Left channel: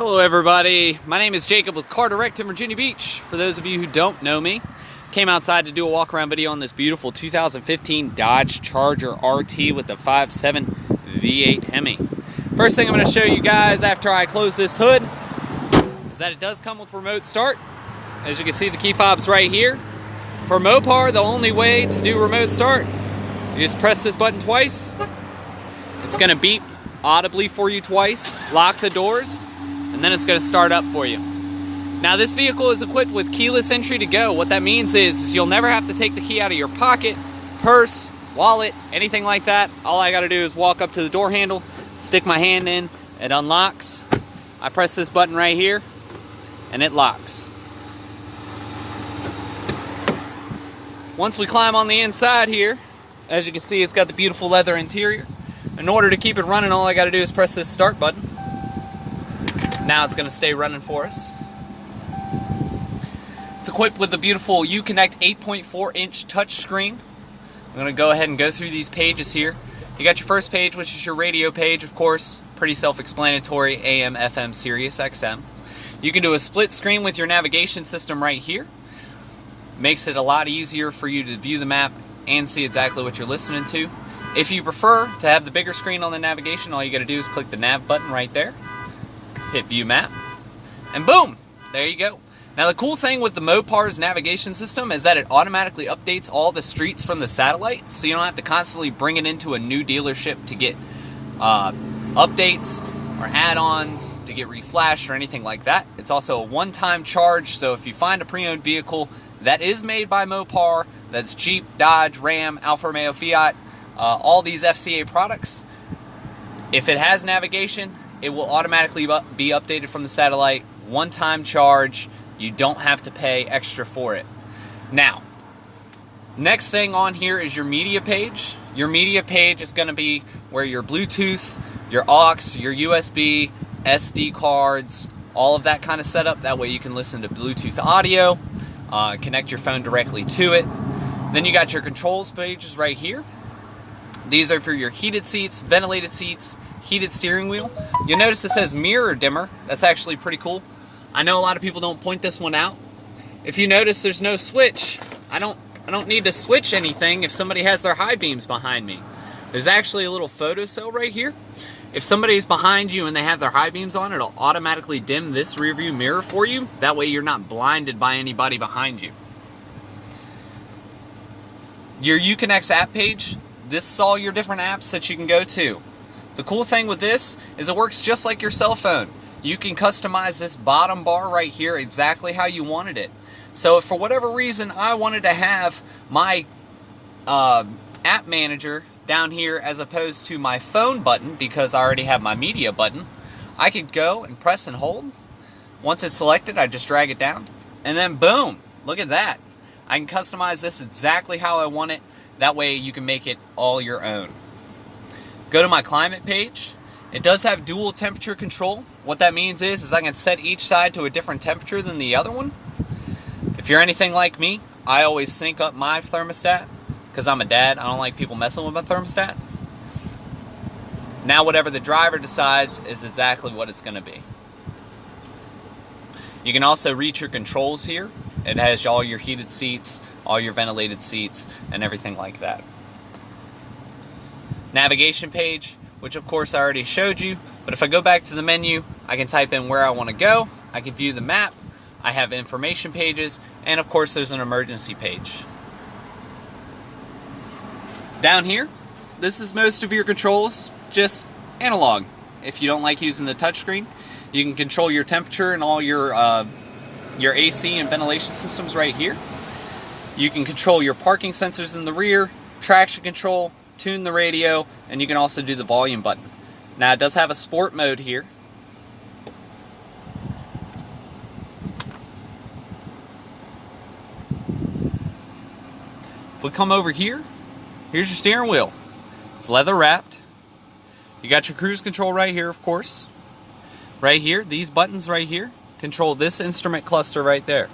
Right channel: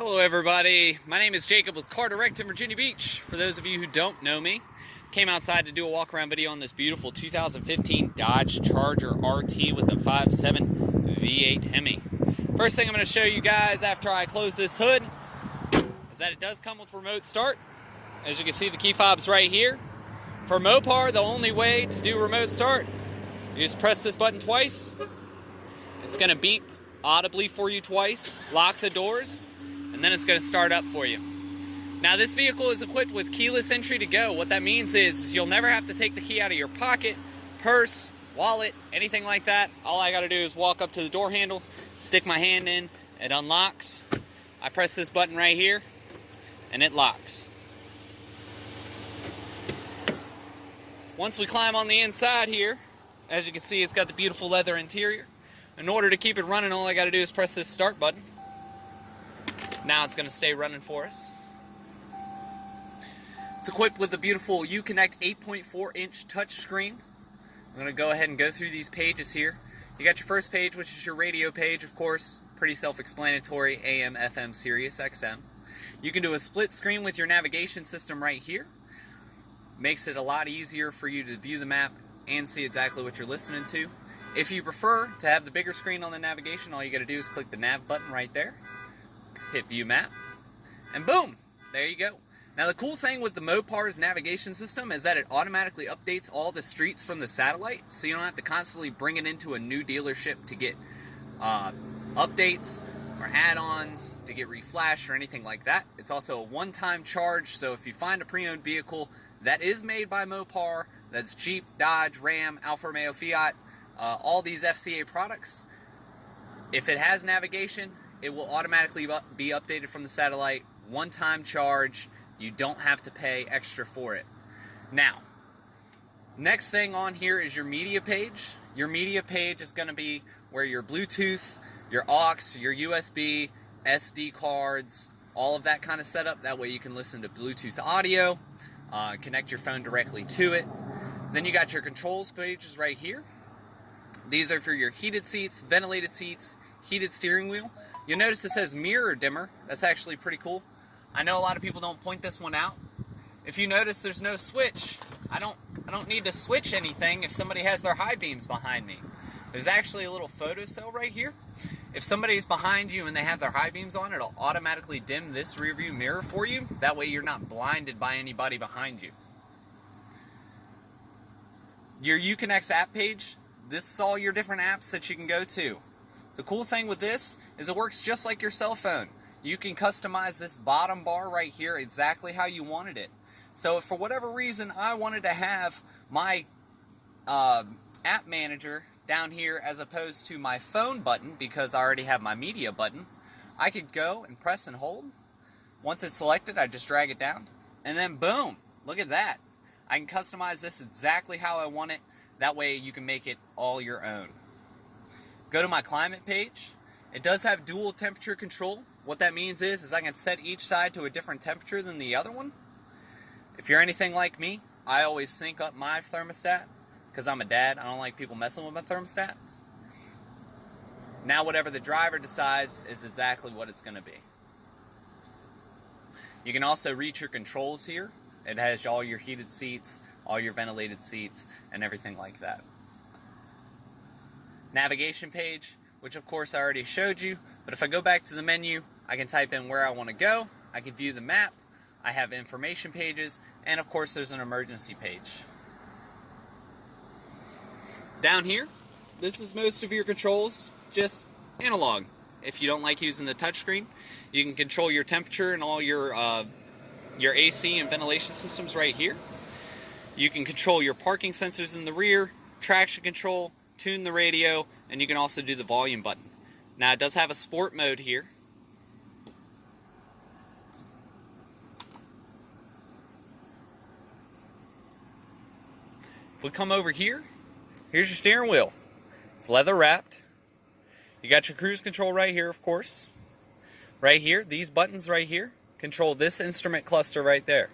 Hello everybody, my name is Jacob with Car Direct in Virginia Beach. For those of you who don't know me, came outside to do a walk around video on this beautiful 2015 Dodge Charger RT with the 5.7 V8 Hemi. First thing I'm going to show you guys after I close this hood is that it does come with remote start. As you can see, the key fob's right here. For Mopar, the only way to do remote start, you just press this button twice. It's going to beep audibly for you twice, lock the doors, and then it's going to start up for you. Now this vehicle is equipped with keyless entry to go. What that means is you'll never have to take the key out of your pocket, purse, wallet, anything like that. All I got to do is walk up to the door handle, stick my hand in, it unlocks. I press this button right here and it locks. Once we climb on the inside here, as you can see, it's got the beautiful leather interior. In order to keep it running, all I got to do is press this start button. Now it's going to stay running for us. It's equipped with a beautiful Uconnect 8.4-inch touchscreen. I'm going to go ahead and go through these pages here. You got your first page, which is your radio page, of course. Pretty self-explanatory, AM, FM, Sirius XM. You can do a split screen with your navigation system right here. Makes it a lot easier for you to view the map and see exactly what you're listening to. If you prefer to have the bigger screen on the navigation, all you got to do is click the nav button right there. Hit view map, and boom, there you go. Now the cool thing with the Mopar's navigation system is that it automatically updates all the streets from the satellite, so you don't have to constantly bring it into a new dealership to get updates or add-ons, to get reflashed or anything like that. It's also a one-time charge, so if you find a pre-owned vehicle that is made by Mopar, that's Jeep, Dodge, Ram, Alfa Romeo, Fiat, all these FCA products, if it has navigation, it will automatically be updated from the satellite. One-time charge. You don't have to pay extra for it. Now, next thing on here is your media page. Your media page is going to be where your Bluetooth, your aux, your USB, SD cards, all of that kind of setup. That way you can listen to Bluetooth audio, connect your phone directly to it. Then you got your controls pages right here. These are for your heated seats, ventilated seats, heated steering wheel. You'll notice it says mirror dimmer. That's actually pretty cool. I know a lot of people don't point this one out. If you notice, there's no switch. I don't need to switch anything if somebody has their high beams behind me. There's actually a little photo cell right here. If somebody's behind you and they have their high beams on, it'll automatically dim this rear view mirror for you. That way you're not blinded by anybody behind you. Your Uconnect app page, this is all your different apps that you can go to. The cool thing with this is it works just like your cell phone. You can customize this bottom bar right here exactly how you wanted it. So if for whatever reason I wanted to have my app manager down here as opposed to my phone button, because I already have my media button, I could go and press and hold. Once it's selected, I just drag it down, and then boom, look at that. I can customize this exactly how I want it. That way you can make it all your own. Go to my climate page. It does have dual temperature control. What that means is I can set each side to a different temperature than the other one. If you're anything like me, I always sync up my thermostat because I'm a dad. I don't like people messing with my thermostat. Now whatever the driver decides is exactly what it's going to be. You can also reach your controls here. It has all your heated seats, all your ventilated seats, and everything like that. Navigation page, which of course I already showed you, but if I go back to the menu, I can type in where I want to go, I can view the map, I have information pages, and of course there's an emergency page. Down here, this is most of your controls, just analog. If you don't like using the touchscreen, you can control your temperature and all your AC and ventilation systems right here. You can control your parking sensors in the rear, traction control, tune the radio, and you can also do the volume button. Now it does have a sport mode here. If we come over here, here's your steering wheel. It's leather wrapped. You got your cruise control right here, of course. Right here, these buttons right here control this instrument cluster right there.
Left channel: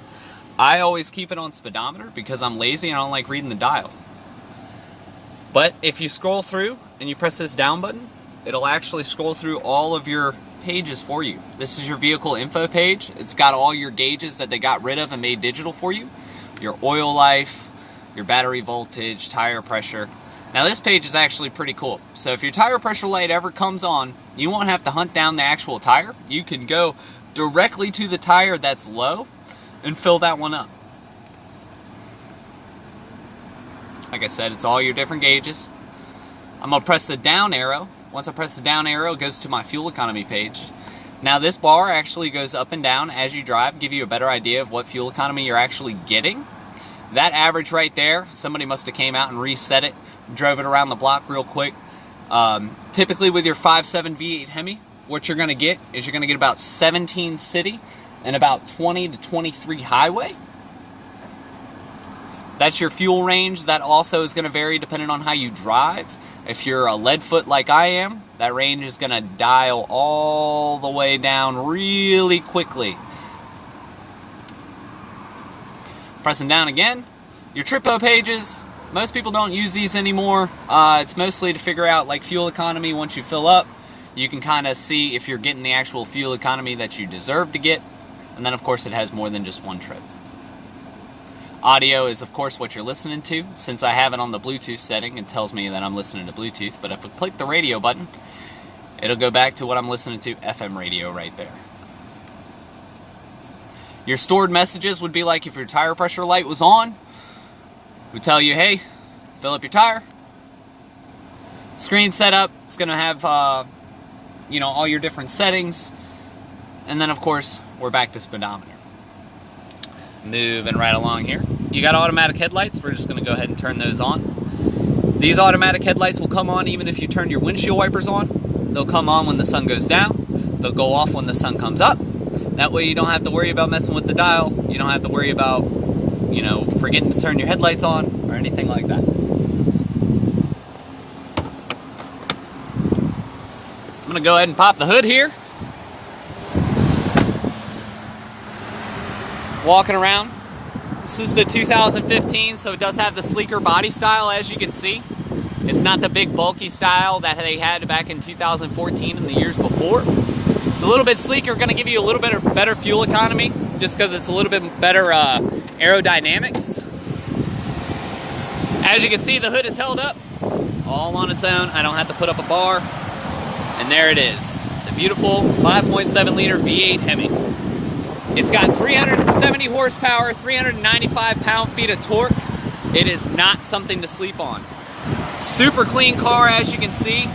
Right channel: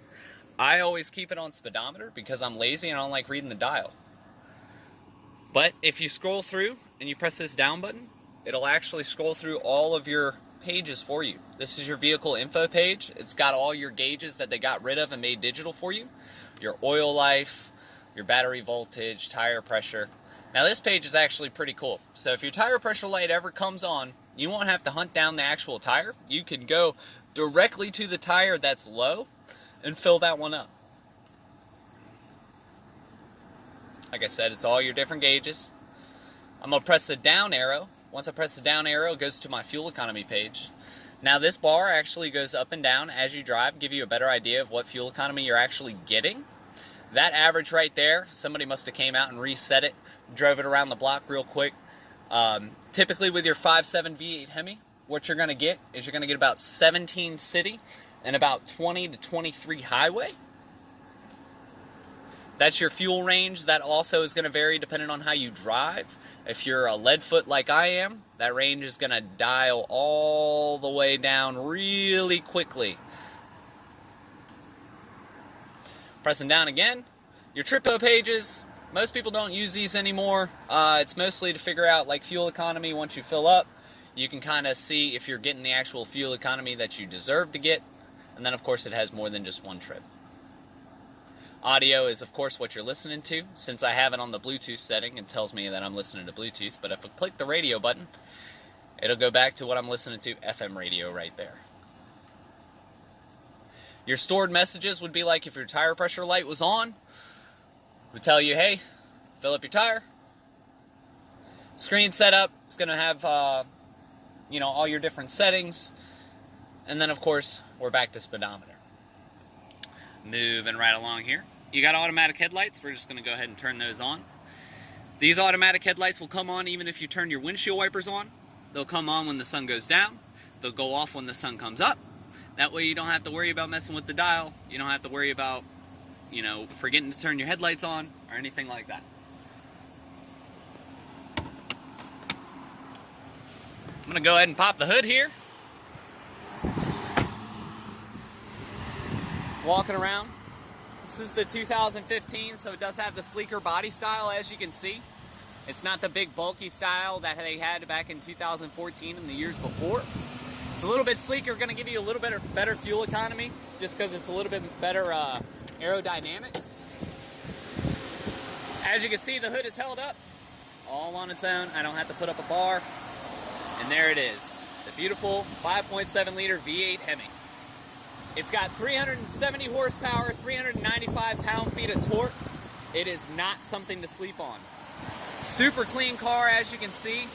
I always keep it on speedometer because I'm lazy and I don't like reading the dial. But if you scroll through and you press this down button, it'll actually scroll through all of your page is for you. This is your vehicle info page. It's got all your gauges that they got rid of and made digital for you. Your oil life, your battery voltage, tire pressure. Now this page is actually pretty cool. So if your tire pressure light ever comes on, you won't have to hunt down the actual tire. You can go directly to the tire that's low and fill that one up. Like I said, it's all your different gauges. I'm gonna press the down arrow. Once I press the down arrow, it goes to my fuel economy page. Now this bar actually goes up and down as you drive, give you a better idea of what fuel economy you're actually getting. That average right there, somebody must have came out and reset it, drove it around the block real quick. Typically with your 5.7 V8 Hemi, what you're gonna get is you're gonna get about 17 city and about 20 to 23 highway. That's your fuel range. That also is gonna vary depending on how you drive. If you're a lead foot like I am, that range is gonna dial all the way down really quickly. Pressing down again. Your TripO pages, most people don't use these anymore. It's mostly to figure out like fuel economy. Once you fill up, you can kind of see if you're getting the actual fuel economy that you deserve to get. And then of course it has more than just one trip. Audio is of course what you're listening to. Since I have it on the Bluetooth setting, it tells me that I'm listening to Bluetooth, but if I click the radio button, it'll go back to what I'm listening to, FM radio right there. Your stored messages would be like if your tire pressure light was on, it would tell you, hey, fill up your tire. Screen setup, it's gonna have all your different settings. And then of course, we're back to speedometer. Moving right along here. You got automatic headlights. We're just going to go ahead and turn those on. These automatic headlights will come on even if you turn your windshield wipers on. They'll come on when the sun goes down. They'll go off when the sun comes up. That way you don't have to worry about messing with the dial. You don't have to worry about, forgetting to turn your headlights on or anything like that. I'm going to go ahead and pop the hood here. Walking around. This is the 2015, so it does have the sleeker body style, as you can see. It's not the big bulky style that they had back in 2014 and the years before. It's a little bit sleeker, going to give you a little bit of better fuel economy, just because it's a little bit better aerodynamics. As you can see, the hood is held up all on its own. I don't have to put up a bar. And there it is, the beautiful 5.7 liter V8 Hemi. It's got 370 horsepower, 395 pound-feet of torque. It is not something to sleep on. Super clean car, as you can see.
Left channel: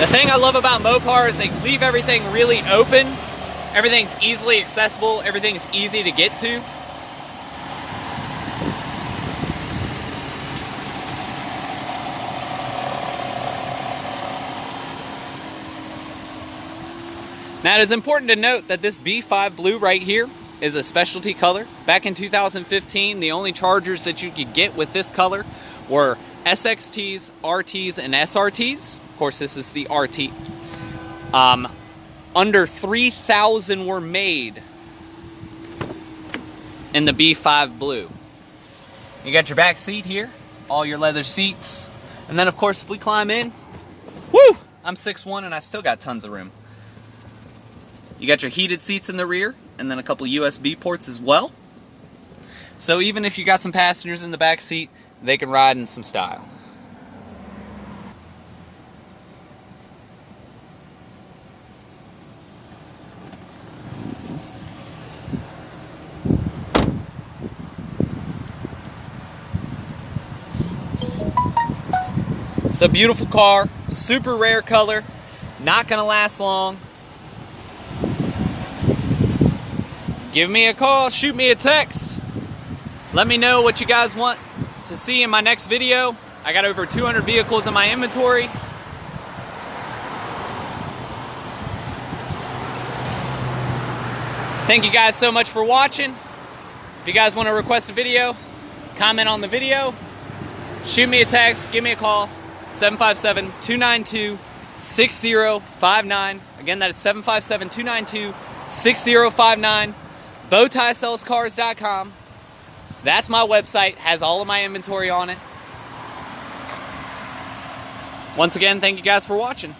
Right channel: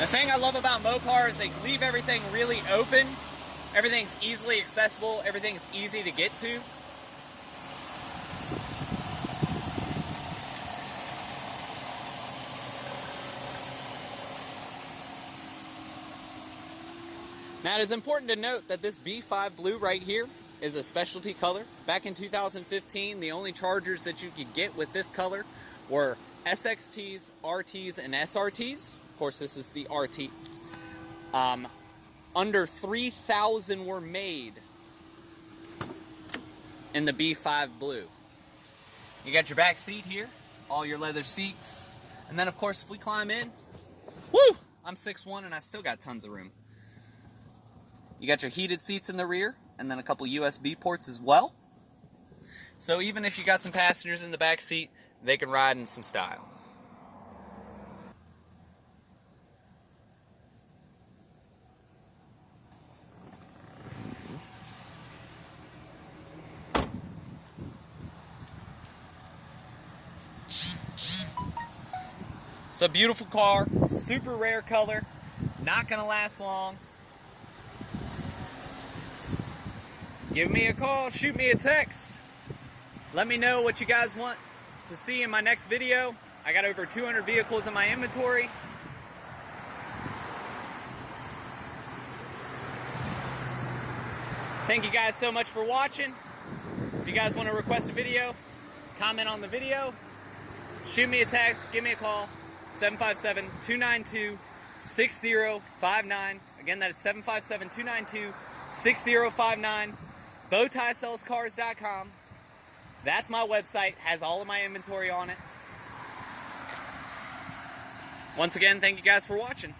The thing I love about Mopar is they leave everything really open. Everything's easily accessible. Everything's easy to get to. Now, it is important to note that this B5 Blue right here is a specialty color. Back in 2015, the only Chargers that you could get with this color were SXTs, RTs, and SRTs. Of course, this is the RT. Under 3,000 were made in the B5 Blue. You got your back seat here, all your leather seats. And then, of course, if we climb in, woo! I'm 6'1" and I still got tons of room. You got your heated seats in the rear, and then a couple USB ports as well. So even if you got some passengers in the back seat, they can ride in some style. It's a beautiful car, super rare color, not gonna last long. Give me a call, shoot me a text. Let me know what you guys want to see in my next video. I got over 200 vehicles in my inventory. Thank you guys so much for watching. If you guys want to request a video, comment on the video, shoot me a text, give me a call, 757-292-6059. Again, that is 757-292-6059. BowtieSellsCars.com. That's my website, has all of my inventory on it. Once again, thank you guys for watching.